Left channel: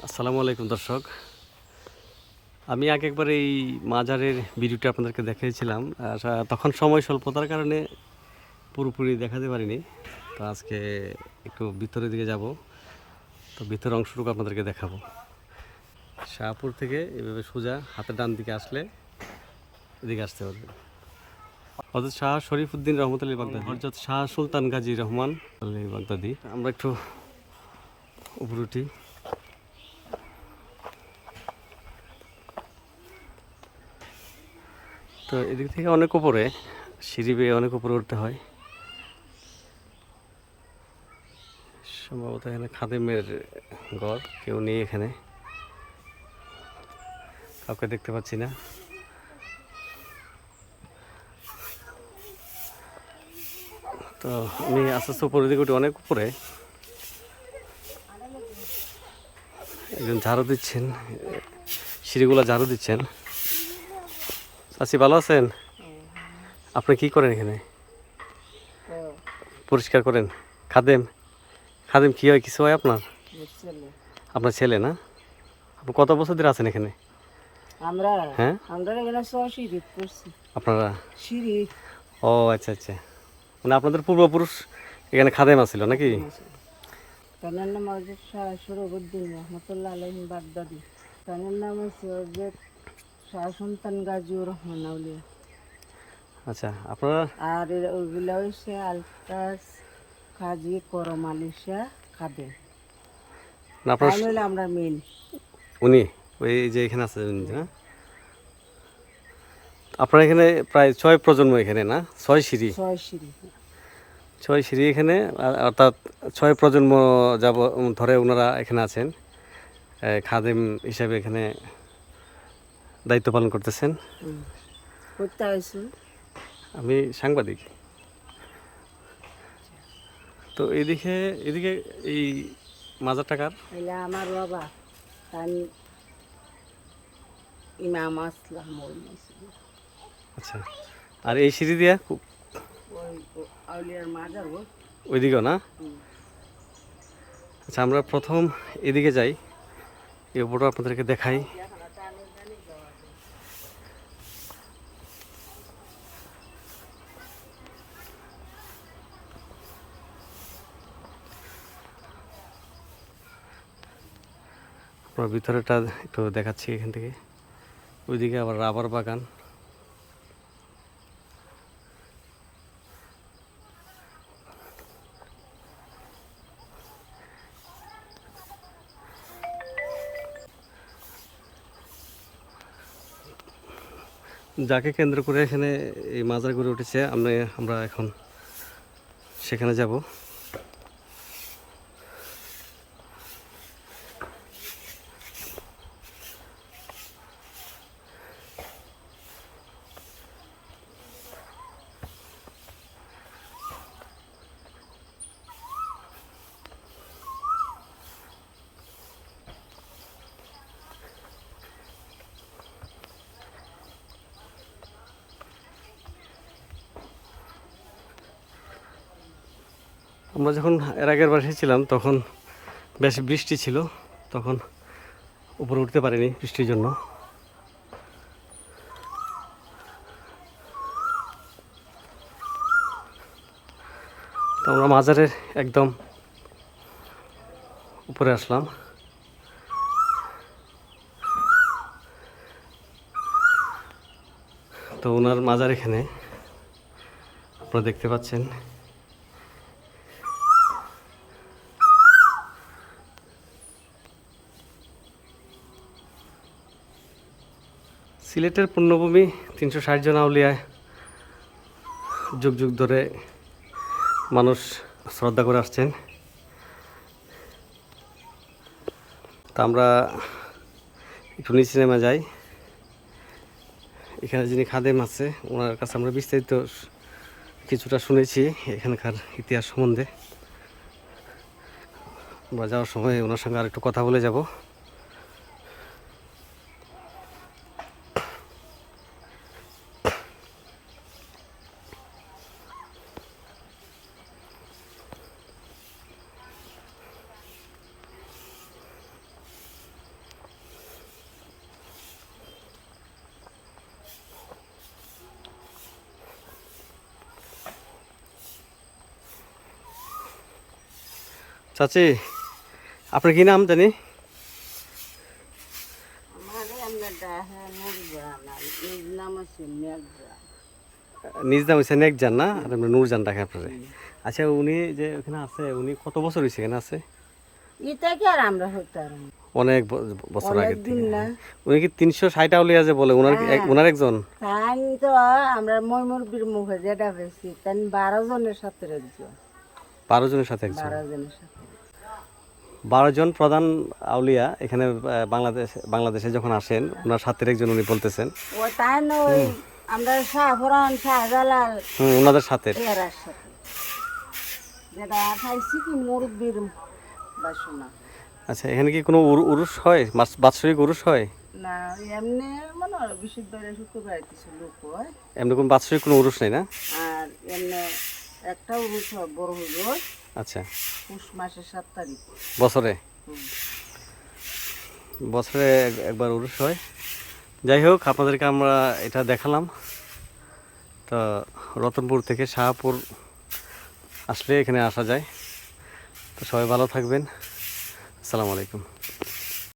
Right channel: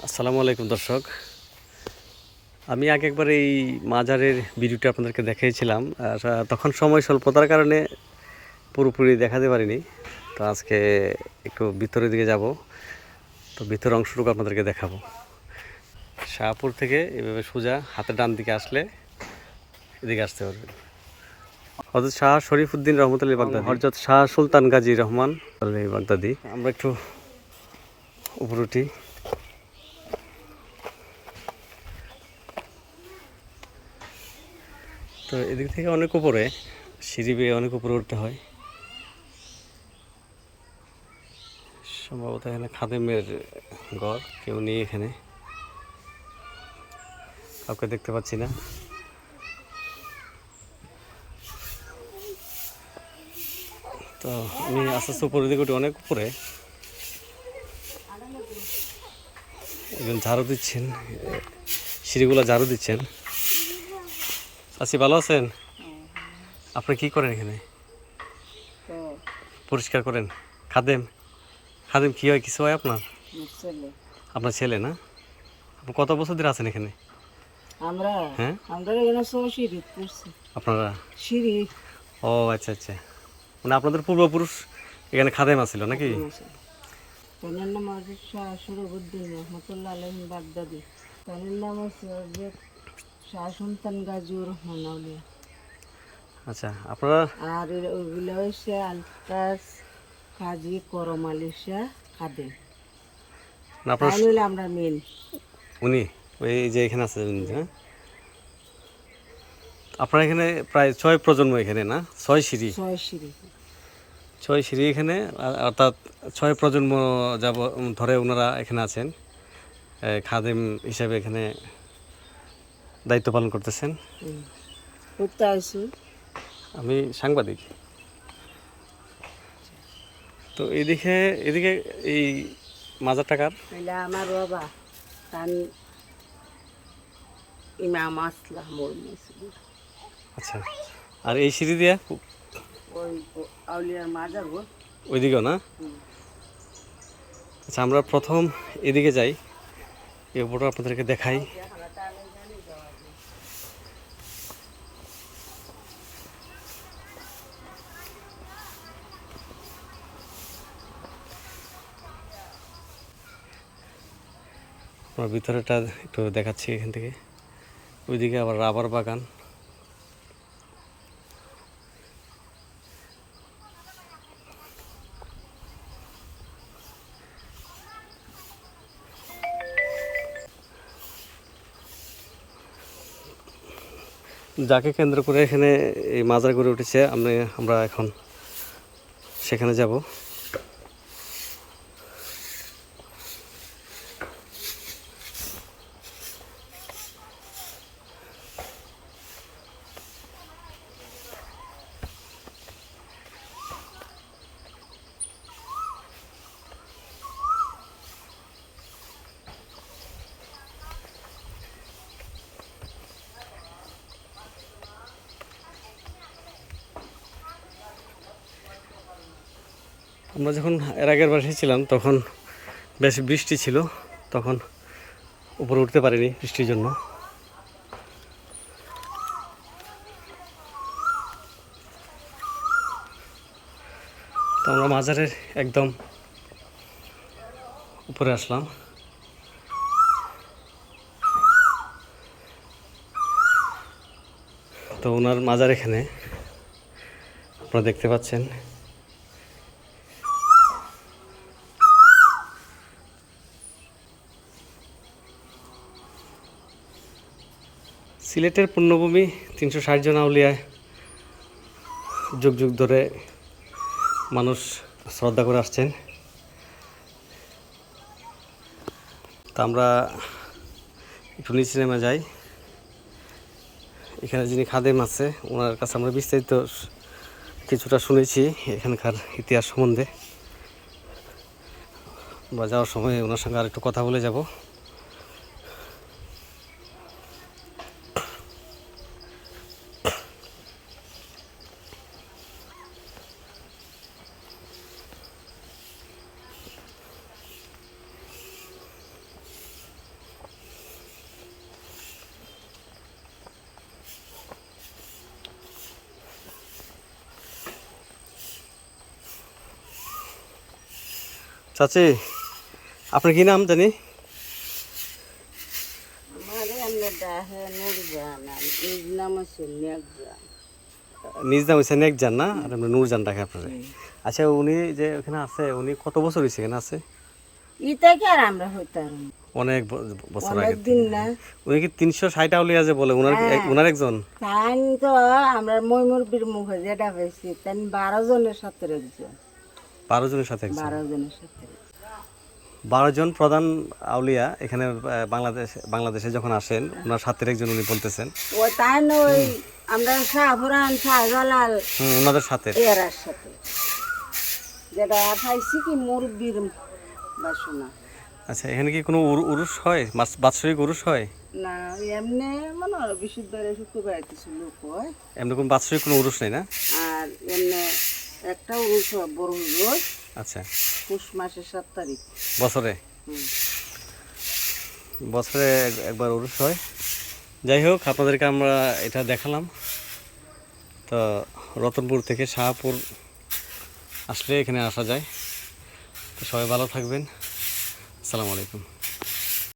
আসসালামু আলাইকুম দর্শক। আমি আগে একবার এই মাজারের ভিডিওটা আপনাদেরকে দেখিয়েছিলাম। আর তখন সময় স্বল্পতার কারণে পুরোপুরি দেখাতে পারিনি। তো আজকে একটু ভিতরের দিকে যাব, তো ভিতরের অংশটুকু আপনাদেরকে দেখাবো। শাহপুর থেকে এভাবে সোজা হাতের ডান দিকে আসলে এদিকে আসতে পারবেন। হযরত শাহ শরীফুদ্দীন রহমতুল্লাহ বাগদাদি, হযরত শাহ সুলতান গাজী রহমান বাগদাদি। আমরা একটু উপরে উঠি। তো এদিক থেকে অনেক উপরে, সিঁড়ি বেয়ে অনেক উপরে উঠতে হয়। সম্ভবত এখানে খাদেমের ঘর, কেউ নেই এখানে, কাউকে দেখতে পাচ্ছি না। তো আমি আস্তে আস্তে উপরের দিকে উঠি, অনেক উপরে। একজন ঝাড়ু দিচ্ছেন, সিঁড়িগুলো ঝাড়ু দিচ্ছেন। চাচি ভালো আছেন? আপনি কি করেন এখানে? পরিষ্কার করেন? খাদেম? খাদেম কি হয়, কিছু হয় আপনার? আপনার ছেলে না? আপনি কত বছর ধরে আছেন এখানে? আমরা হ্যাঁ, আমরা এখানে সিঁড়ি পড়ছি আপনারা? সিঁড়ি ও আচ্ছা আচ্ছা, মানে আপনাদের পূর্বপুরুষ এখানে খাদেম আছিল নাকি? তার নাম হচ্ছে শাহ শরফুদ্দীন রহমতুল্লাহ আলাইহিম বাগদাদি। তার নাম হচ্ছে হযরত শাহ সুলতান গাজীউর রহমান আউলিয়া। আচ্ছা, আপনারা? আর ওইগুলা হচ্ছে আলতাস কাজী করম আলী শাহ খাদেম। না, তাই আপনার নইলে আমরা মেন। উনি ওই যে এখানে আছে উনি, হ্যাঁ। আপনার এখানে প্রায় 6 প্রজন্ম এখানে, না? 6 সিঁড়ি, ছয় সিঁড়ি 6 সিঁড়ি এখানে, অর্থাৎ 6 প্রজন্ম যাব ধরে ওনারা এখানে আছেন, খাদেম হিসেবে এখানে দায়িত্ব পালন করতেছেন। করতে আসছি। আমি সাংবাদিক। তো এদিকে এদিকে এই মাজার টাকার তাইলে আমার বাবা তার ইমাম আসলাম ওর মসজিদ। আচ্ছা, আর এই সিঁড়ি দিয়ে ওই আউলিয়ার মাজার ও। ওইদিকেও না? আচ্ছা, আমরা প্রথম এদিকে যাই, এই উপরটা আপনাদেরকে দেখাই। আমরা ভিতরেটা একটু দেখাচ্ছি এখান থেকে। ওইদিকে আবার রাবার বাগান। যাকে কেন্দ্র করে এখানে এই মাজার গড়ে উঠেছে, আমরা এখন সেখানে যাব। আমরা যখন এর আগের বার এসেছিলাম তখন বেশ বৃষ্টি ছিল, তখন উপরে উঠতে পারিনি বৃষ্টির জন্য। তো আমরা মাজারের একদম উপরে আসলাম। তো ওনার মাজার এখানে আপনারা দেখতে পাচ্ছেন। সিলেটের পুণ্যভূমি, 360 জন আউলিয়ায় যুগ যুগ ধরে মানুষ শ্রদ্ধা করে আসছেন। তা আমরা একটু নিচে নেমে যাই। এখানে যিনি খাদেম আছে ওনার কাছে আমরা বিস্তারিত কিছুটা শুনেছি এখানকার ইতিহাস সম্বন্ধে। বা যাওয়ার সময় ওনার সঙ্গে আর একটু কথা বলে যাব। চাচি আপনার কি নাম জানি? আমারে আমরা ডাহে নুরজান আর নিজ নাম হচ্ছে নেকজান। নিজ নাম হচ্ছে নেকজান না, আর আমরা নূরজান ডাকে আপনার। আচ্ছা উনি যে ওখানে আছে উনি কত বছর হয়েছে এখানে আছে? ইটা কি আর আমরা হইতাম অনেক বছর আগে। অনেকদিন না। উনি কি 360 আউলিয়া যে বলে ওনার ওনার একজন? তাই তো আমরা ময়মুরবির মুখে যেটা পাইছি তাই 12 জনের সাথে একজন, 12 জনের সাথে একজন। 12 জনের সাথে 12 জন প্রধান আউলিয়া এখানে বাংলাদেশে যখন আসেন ওনার সাথে একজন উনি বলতেছেন। ও তাই নয় আমরা শাহপুরান শাহজালাল ওনাদের সাথে এরার সাথে যেটা পাইছি কি মুরব্বির বাসনা। আচ্ছা এখানে কি কোনো উরুস হয়, বাৎসরিক উরুস হয়? না এমনি মনে হয় বৃহস্পতিবারে শুক্রবারে কিছু লোক হয়, এমনি কোনো বাৎসরিক কোনো উরুস নেই না? আর এমনি একটা উরুস হয় বড় উরুস আচ্ছা পুষ মাসের 7 তারিখ। বছরে হুম। বছরে একবার উরুস হয়। যাই হোক আপনাদেরকে আমরা এটা দেখালাম। তো রতনপুর থেকে শাহপুর আসলে এখানে আসা যায়। তো সবাই ভালো থাকবেন। আসসালামু আলাইকুম।